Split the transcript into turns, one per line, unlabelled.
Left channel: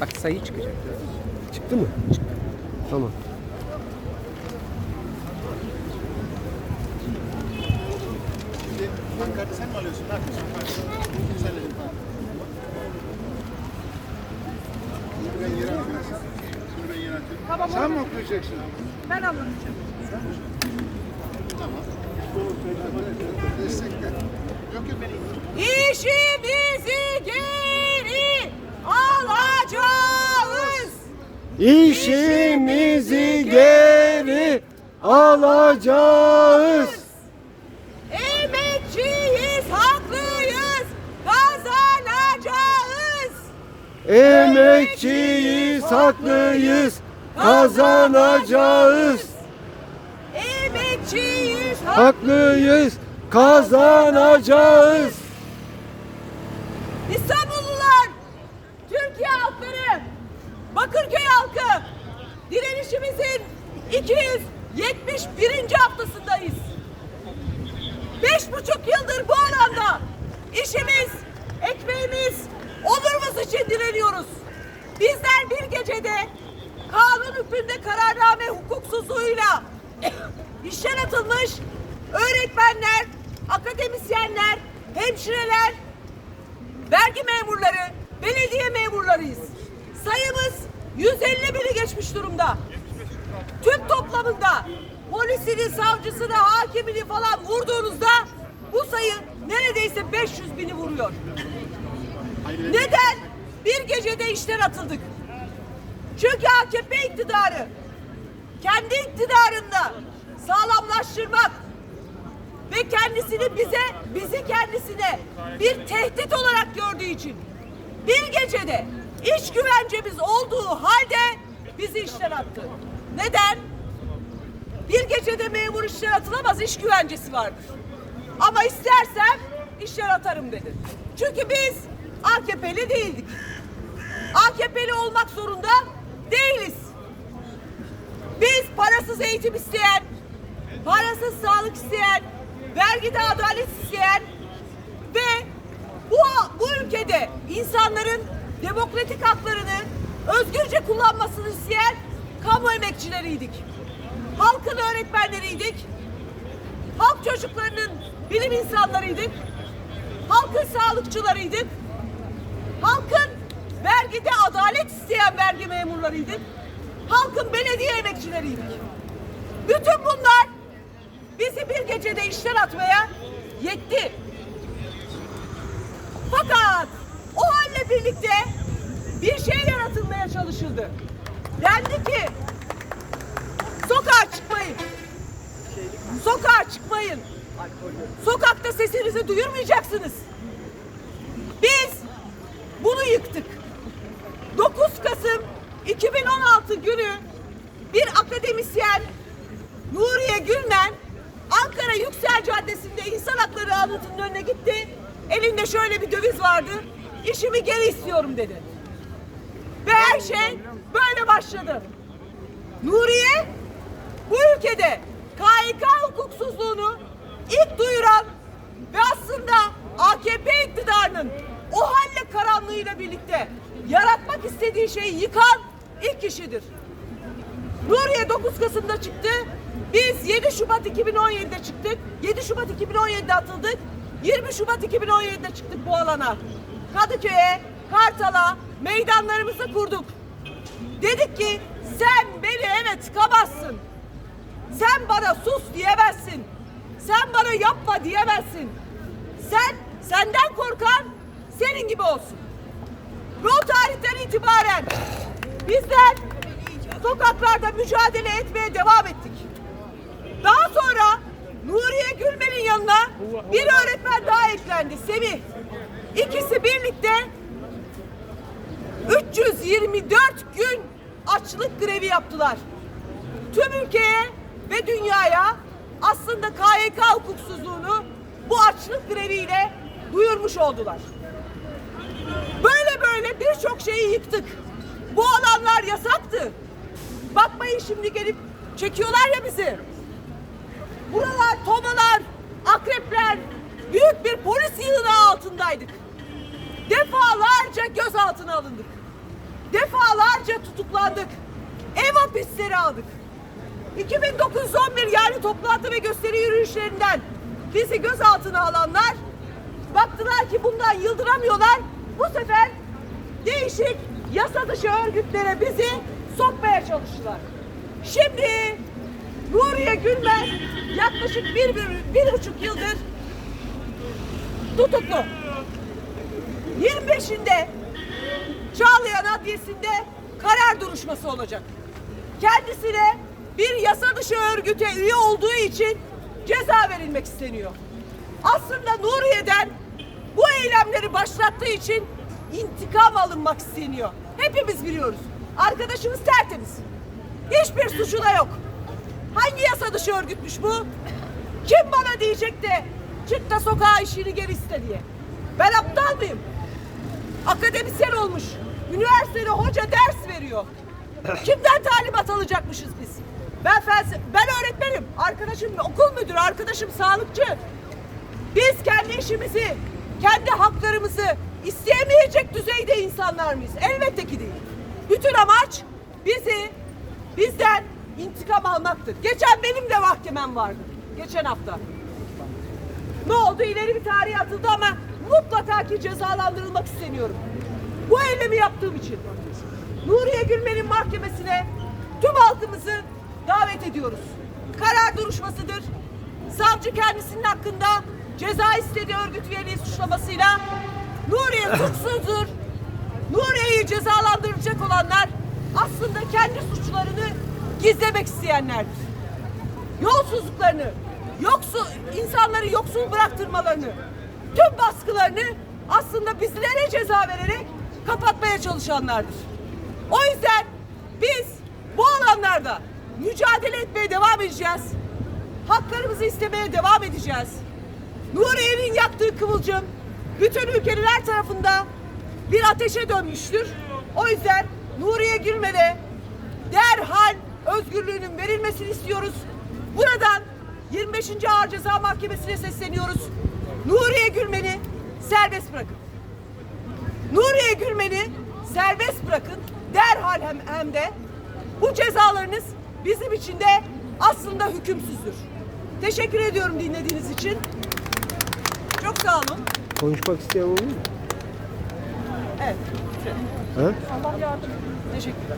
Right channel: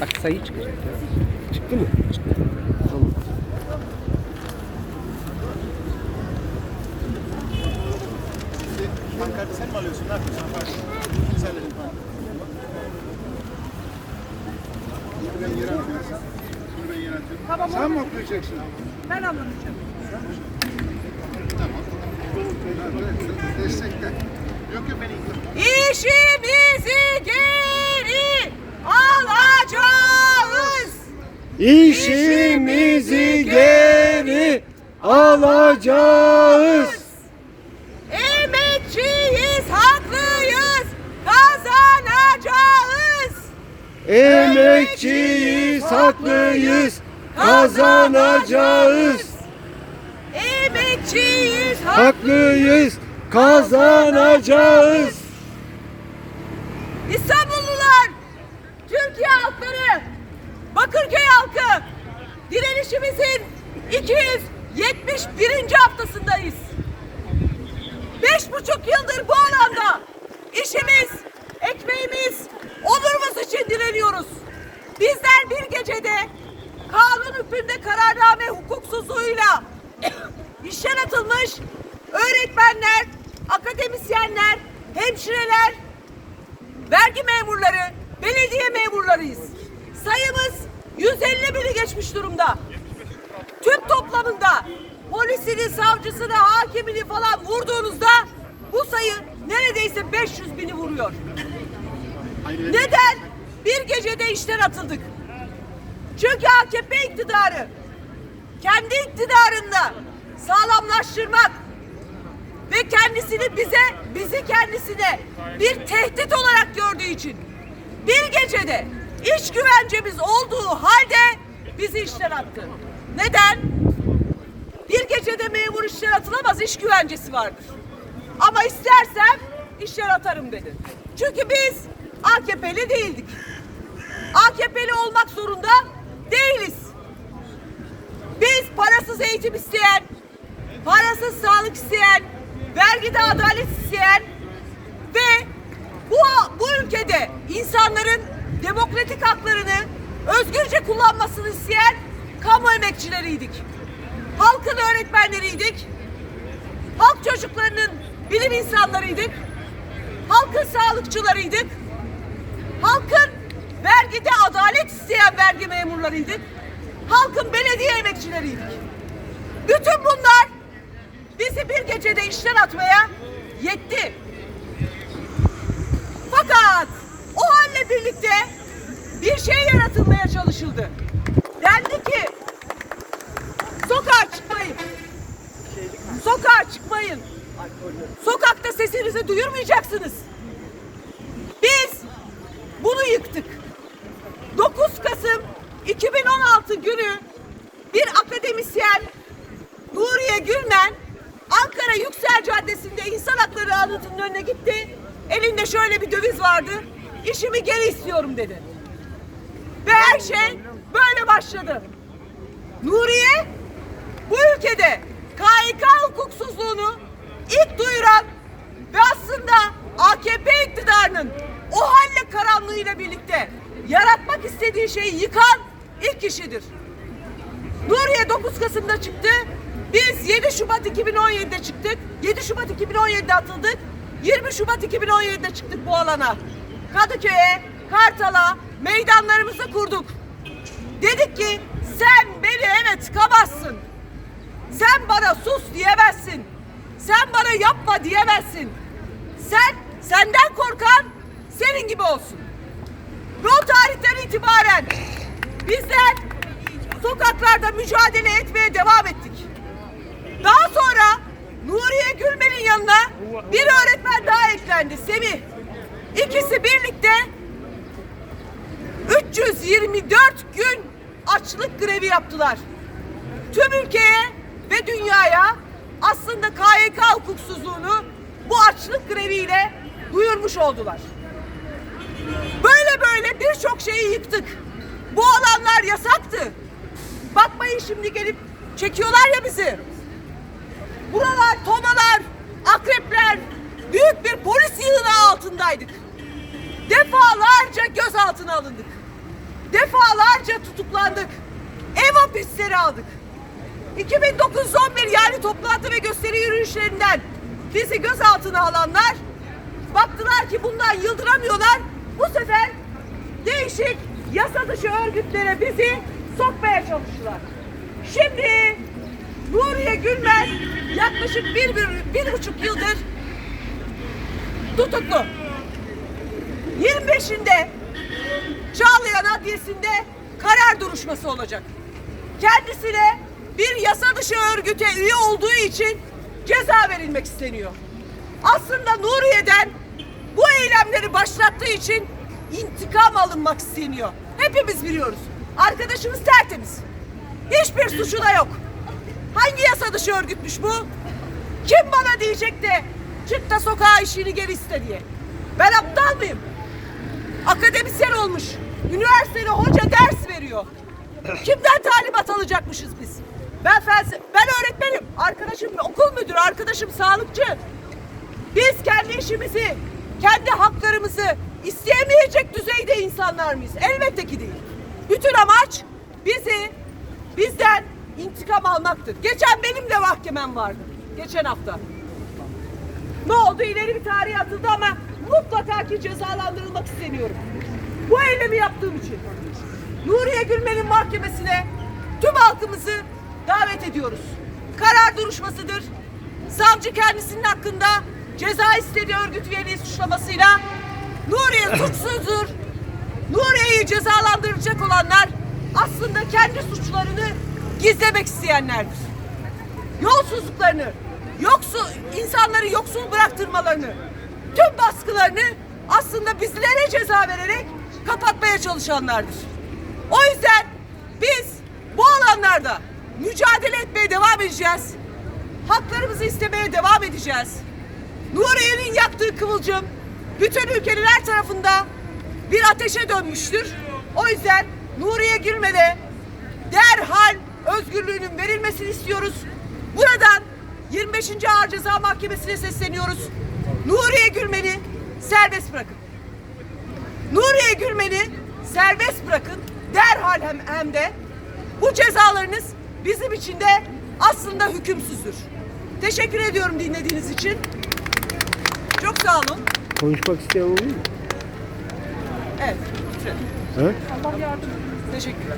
Bak sayı çıkacak.
Çıktı mı? Tamam.
Pankartı sen mi alıyorsun? Ne yapıyorsun? Sen de bir pankart. Ben yere atıyorum. Bunu ben yere atıyorum. Sen mi okuyacaksın?
Ben anladım.
Tamam. Destekle. Yok yok ben.
İşimizi geri
İşimizi geri alacağız.
Emekçiyiz, haklıyız, kazanacağız.
Emekçiyiz, haklıyız, kazanacağız.
Emekçiyiz,
Haklıyız, kazanacağız.
İstanbullular, Türkiye halkları, Bakırköy halkı, direnişimizin 271. haftasındayız. Beş buçuk yıldır bu alanda işimiz, ekmeğimiz, onurumuz için direniyoruz. Bizler bir gecede kanun hükmünde kararname hukuksuzluğuyla işten atılmış öğretmenler, akademisyenler, hemşireler, vergi memurları, belediye memurlarıyız. Sayımız 150 bini geçmiş durumda. Tüm toplamında polisini, savcısını, hakimini falan vurduğunuzda bu sayı neredeyse 500 bini vuruyor. Neden? Bir gecede işten atıldık. Çünkü AKP iktidarı kendi iktidarında sağlamlaştırmak ve kendisini bize, bizi kendisine bir tehdit olarak gördüğü için bir gecede iş güvencemiz olduğu halde bizi işten attı. Neden? Bir gecede memur işten atılamaz, iş güvencesi vardır. Ama istersem işten atarım dedi. Çünkü biz AKP'li değildik. AKP'li olmak zorunda değiliz. Biz parasız eğitim isteyen, parasız sağlık isteyen, vergide adalet isteyen ve bu, bu ülkede insanların demokratik haklarını özgürce kullanmasını isteyen kamu emekçileriydik. Halkın öğretmenleriydik. Halk çocuklarının bilim insanlarıydık. Halkın sağlıkçılarıydık. Halkın vergide adalet isteyen vergi memurlarıydık. Halkın belediye emekçileriydik. Bütün bunlar bizi bir gecede işten atmaya yetti. Fakat o halle birlikte bir şey yaratılmaya çalışıldı. Dendi ki sokağa çıkmayın. Sokağa çıkmayın. Sokakta sesinizi duyurmayacaksınız. Biz bunu yıktık. 9 Kasım 2016 günü bir akademisyen Nuriye Gülmen Ankara Yüksel Caddesi'nde insan hakları anıtının önüne gitti. Elinde şöyle bir döviz vardı. İşimi geri istiyorum dedi. Ve her şey böyle başladı. Nuriye bu ülkede KHK hukuksuzluğunu ilk duyuran ve aslında AKP iktidarının o halle karanlığıyla birlikte yaratmak istediği şeyi yıkan ilk kişidir. Nuriye 9 Kasım'da çıktı. Biz 7 Şubat 2017'de çıktık. 7 Şubat 2017'de atıldık. 20 Şubat 2017'de çıktık bu alana. Kadıköy'e, Kartal'a meydanlarımızı kurduk. Dedik ki sen beni eve tıkamazsın. Sen bana sus diyemezsin. Sen bana yapma diyemezsin. Sen senden korkan senin gibi olsun. O tarihten itibaren bizler sokaklarda mücadele etmeye devam ettik. Daha sonra Nuriye Gülmen'in yanına bir öğretmen daha eklendi. Semih. İkisi birlikte 324 gün açlık grevi yaptılar. Tüm ülkeye ve dünyaya aslında KYK hukuksuzluğunu bu açlık greviyle duyurmuş oldular. Böyle böyle birçok şeyi yıktık. Bu alanlar yasaktı. Bakmayın şimdi gelip çekiyorlar ya bizi. Buralar tomalar, akrepler, büyük bir polis yığını altındaydık. Defalarca gözaltına alındık. defalarca tutuklandık. Ev hapisleri aldık. 2009-11 yani toplantı ve gösteri yürüyüşlerinden bizi gözaltına alanlar baktılar ki bundan yıldıramıyorlar. Bu sefer değişik yasa dışı örgütlere bizi sokmaya çalıştılar. Şimdi Nuriye Gülmez yaklaşık bir, bir, bir buçuk yıldır tutuklu. 25'inde Çağlayan Adliyesi'nde karar duruşması olacak. Kendisine bir yasa dışı örgüte üye olduğu için ceza verilmek isteniyor. Aslında Nuriye'den bu eylemleri başlattığı için intikam alınmak isteniyor. Hepimiz biliyoruz. Arkadaşımız tertemiz. Hiçbir suçu da yok. Hangi yasa dışı örgütmüş bu? Kim bana diyecek de çık da sokağa işini geri iste diye. Ben aptal mıyım? Akademisyen olmuş. Üniversitede hoca ders veriyor. Kimden talimat alacakmışız biz? Ben felsefe, ben öğretmenim. Arkadaşım okul müdürü, arkadaşım sağlıkçı. Biz kendi işimizi, kendi haklarımızı isteyemeyecek düzeyde insanlar mıyız? Elbette ki değil. Bütün amaç bizi bizden intikam almaktır. Geçen benim de mahkemem vardı. Geçen hafta. Ne oldu? İleri bir tarih atıldı ama mutlaka ki cezalandırılmak isteniyorum. Bu eylemi yaptığım için. Nuriye Gülmen'in mahkemesine tüm halkımızı davet ediyoruz. Karar duruşmasıdır. Savcı kendisinin hakkında ceza istediği örgüt üyeliği suçlamasıyla Nuriye suçsuzdur. Nuriye'yi cezalandıracak olanlar aslında kendi suçlarını gizlemek isteyenlerdir yolsuzluklarını, yoksul insanları yoksul bıraktırmalarını, tüm baskılarını aslında bizlere ceza vererek kapatmaya çalışanlardır. O yüzden biz bu alanlarda mücadele etmeye devam edeceğiz. Haklarımızı istemeye devam edeceğiz. Nuriye'nin yaktığı kıvılcım bütün ülkenin her tarafında bir ateşe dönmüştür. O yüzden Nuriye Gülmen'e derhal özgürlüğünün verilmesini istiyoruz. Buradan 25. Ağır Ceza Mahkemesi'ne sesleniyoruz. Nuriye Gülmen'i serbest bırakın. Nuriye Gülmen'i serbest bırakın. Derhal hem, hem de bu cezalarınız bizim için de aslında hükümsüzdür. Teşekkür ediyorum dinlediğiniz için. Çok sağ olun.
Konuşmak isteyen oluyor mu?
Evet.
Ha?
Allah yardım. Teşekkürler.